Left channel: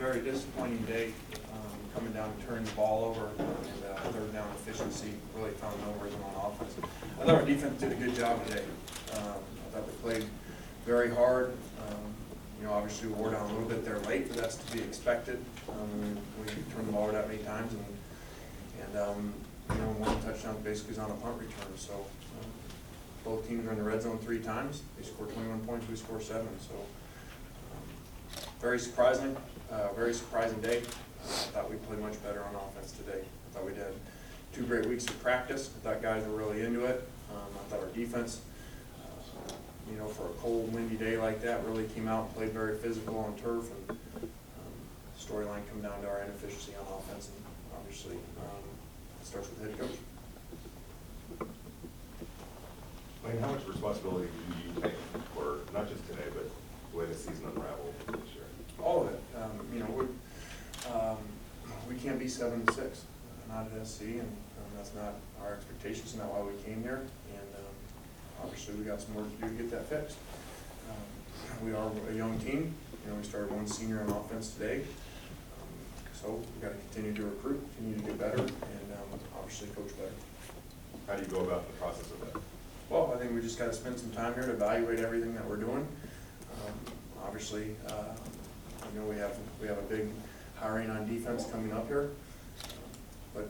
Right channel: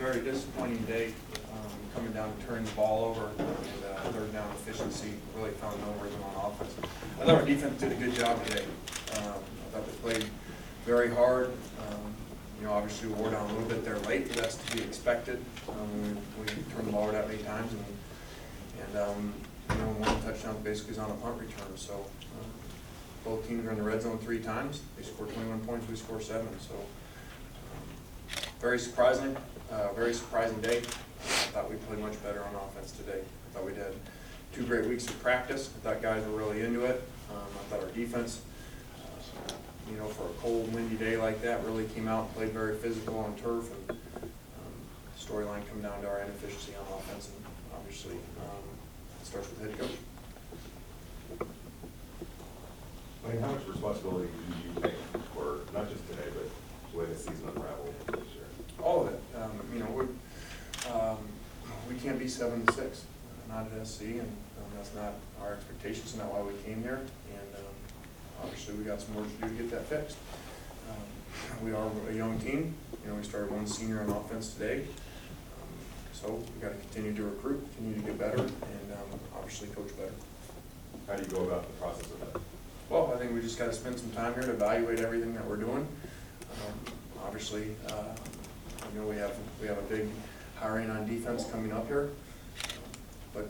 very disappointing day, coming down and turning the ball over, and third down efficiency really found no rhythm on offense. I thought our defense did a good job today. I thought they played very hard. Obviously we wore down a little bit there late, but that's to be expected. We turned the ball over that many times, and one touchdown basically is on a punt return. So both teams are in the red zone 3 times. They scored 21 points, we scored 7. So very surprising day. I thought we played much better on offense today. I thought we'd had 2 great weeks of practice. I thought guys were really into it. I thought our defense, for a cold, windy day like that, really came out and played very physical on turf. And storyline come down to our inefficiency on offense, and obviously it starts with the head coach. Wayne, how much responsibility do you take for not just today, but the way the season unraveled this year? All of it. We can't be 7-6, not at SC, and that's not our expectations, not why we came here. And obviously we got some work to do to get that fixed. We are a young team. We started 1 senior on offense today. So we got to continue to recruit, continue to get better, and obviously coach better. How do you go about the process of that? Well, I think we just got to spend some time here to evaluate everything that we're doing. Obviously, we have a big hiring on defense coming up here, but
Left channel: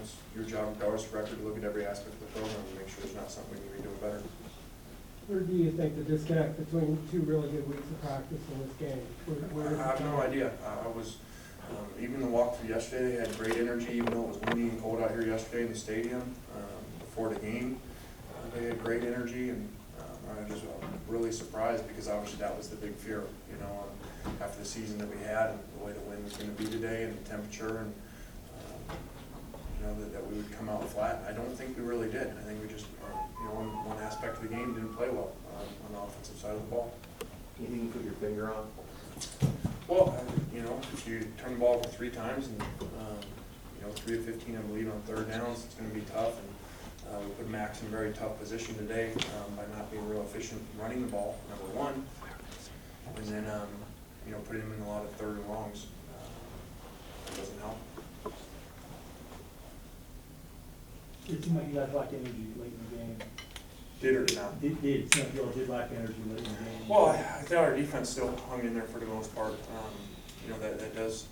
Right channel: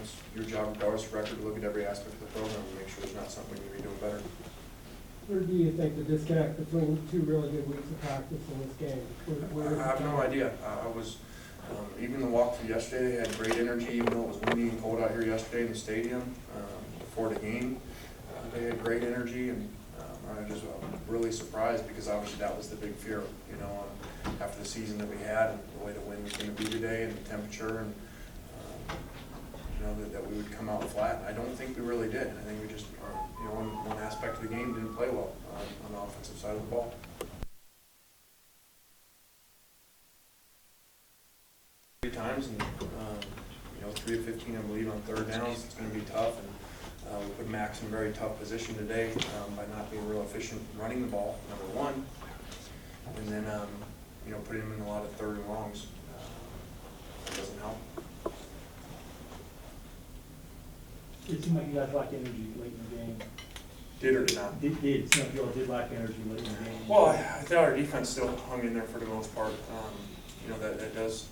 it's your job, regardless of record, to look at every aspect of the program and make sure there's not something we need to be doing better. Where do you think the disconnect between 2 really good weeks of practice in this game? I have no idea. I was even the walkthrough yesterday. They had great energy, even though it was windy and cold out here yesterday in the stadium before the game. They had great energy, and I just really surprised, because obviously that was the big fear, after the season that we had and the way the wind was going to be today and the temperature, and that we would come out flat. I don't think we really did. I think we just, one aspect of the game didn't play well on the offensive side of the ball. Anything you put your finger on? Well, if you turn the ball over 3 times and 3 of 15, I believe, on third downs, it's going to be tough. And we put Max in a very tough position today by not being real efficient running the ball, number 1, and then putting him in a lot of third and longs. That doesn't help. It seemed like you guys lacked energy late in the game. Did or did not? Did some of you all did lack energy late in the game? Well, I thought our defense still hung in there for the most part. That does,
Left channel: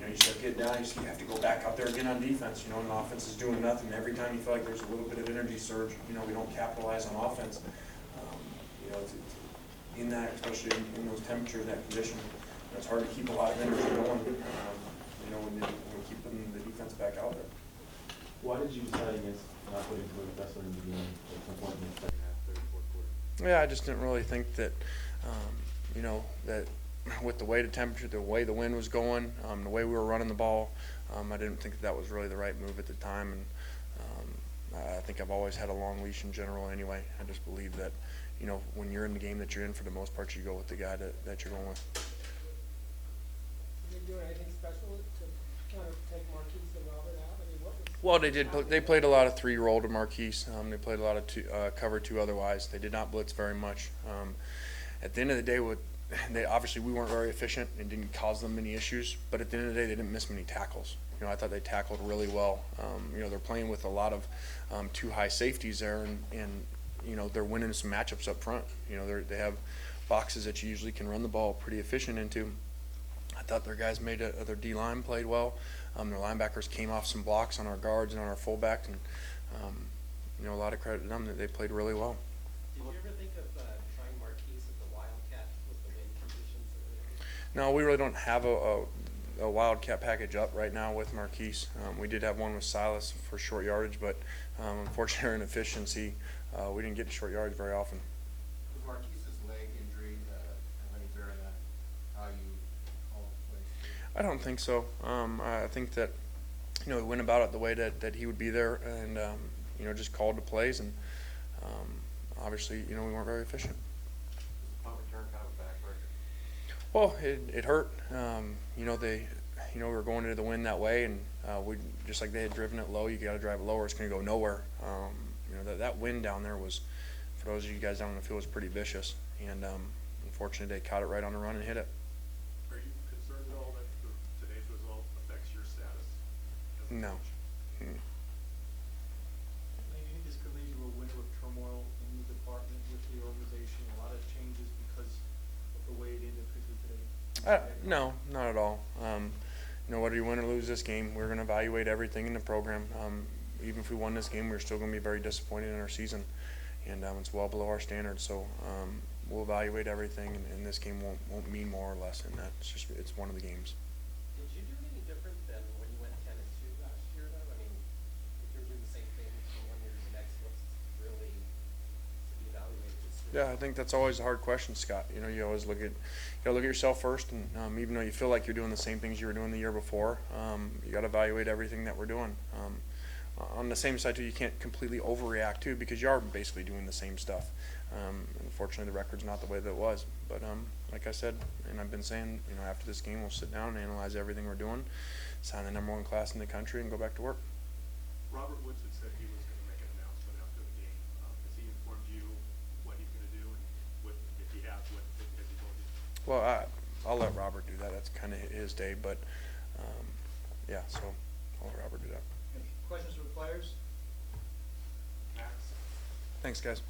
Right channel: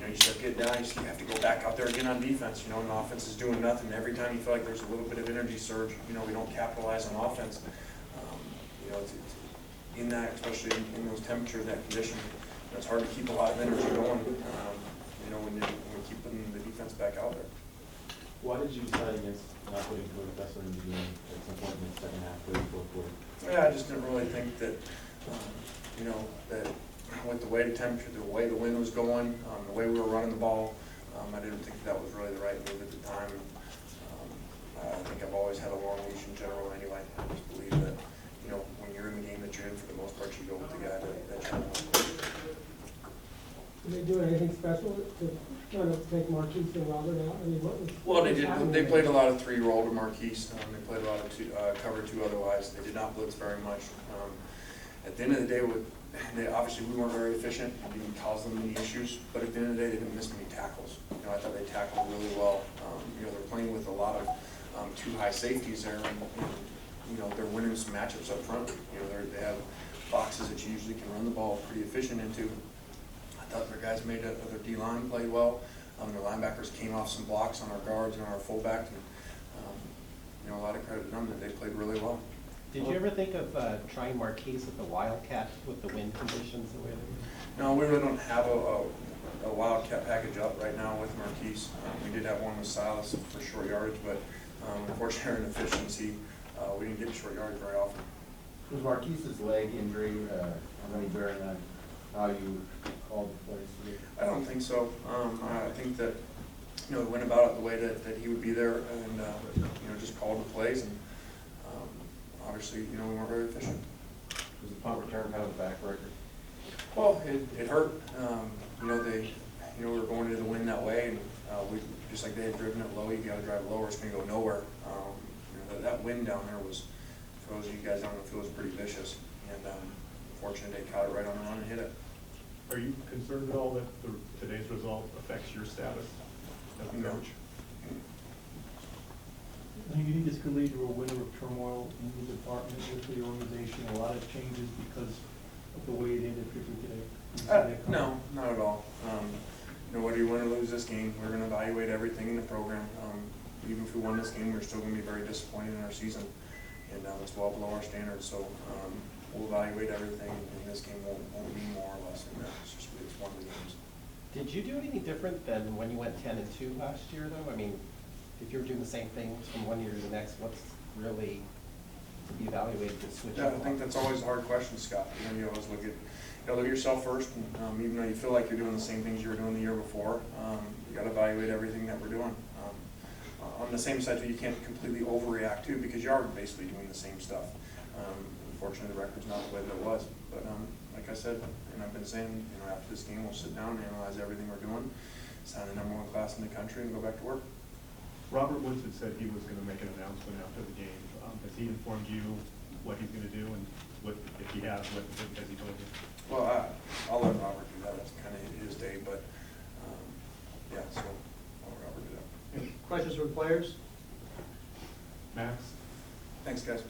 you start getting down, you have to go back out there again on defense, and the offense is doing nothing. Every time you feel like there's a little bit of energy surge, we don't capitalize on offense. In that, especially in those temperatures, that condition, it's hard to keep a lot of energy going, when you keep putting the defense back out there. Why did you decide against not putting Cody Kessler in the game at some point in the second half of the fourth quarter? Yeah, I just didn't really think that, that with the way the temperature, the way the wind was going, the way we were running the ball, I didn't think that was really the right move at the time. And I think I've always had a long leash in general anyway. I just believe that, when you're in the game that you're in, for the most part, you go with the guy that you're on. Did they do anything special to kind of take Marquise and Robert out? Well, they did. They played a lot of 3-year-old to Marquise. They played a lot of cover 2 otherwise. They did not blitz very much. At the end of the day, obviously we weren't very efficient. It didn't cause them many issues. But at the end of the day, they didn't miss many tackles. I thought they tackled really well. They're playing with a lot of 2 high safeties there, and they're winning some matchups up front. They have boxes that you usually can run the ball pretty efficient into. I thought their guys made it. Their D-line played well. Their linebackers came off some blocks on our guards and on our fullback, and a lot of credit to them that they played really well. Did you ever think of trying Marquise with the Wildcat with the wind conditions the way they're? No, we really don't have a Wildcat package up right now with Marquise. We did have one with Silas for short yardage, but unfortunately, in efficiency, we didn't get short yardage very often. Was Marquise's leg injury have any bearing on how you called the plays? I don't think so. I think that we went about it the way that he would be there, and just called the plays, and obviously we weren't very efficient. Was the punt return kind of a backbreaker? Well, it hurt. We were going into the wind that way, and we just like they had driven it low. You got to drive it lower; it's going to go nowhere. That wind down there was, for those of you guys down in the field, was pretty vicious, and unfortunately they caught it right on the run and hit it. Are you concerned at all that today's result affects your status as a No. coach? I think you just believe you were a winter of turmoil in the department with the organization, a lot of changes because of the way it ended particularly today. No, not at all. You know, whether you win or lose this game, we're gonna evaluate everything in the program. Even if we won this game, we're still gonna be very disappointed in our season. And, it's well below our standards, so, we'll evaluate everything, and this game won't mean more or less than that. It's one of the games. Did you do anything different than when you went 10-2 last year, though? I mean, if you were doing the same things from one year to the next, what's really to be evaluated to switch? Yeah, I think that's always a hard question, Scott. You know, you always look at yourself first, and, even though you feel like you're doing the same things you were doing the year before, you gotta evaluate everything that we're doing. On the same side, too, you can't completely overreact too, because you are basically doing the same stuff. Unfortunately, the record's not the way that it was, but, like I said, and I've been saying, you know, after this game, we'll sit down and analyze everything we're doing, sign the #1 class in the country, and go back to work. Robert Woods had said he was gonna make an announcement after the game. Has he informed you what he's gonna do, and what, if he has, what has he told you? Well, I'll let Robert do that. It's kind of his day, but, yeah, so I'll let Robert do that. Questions from players? Max? Thanks, guys.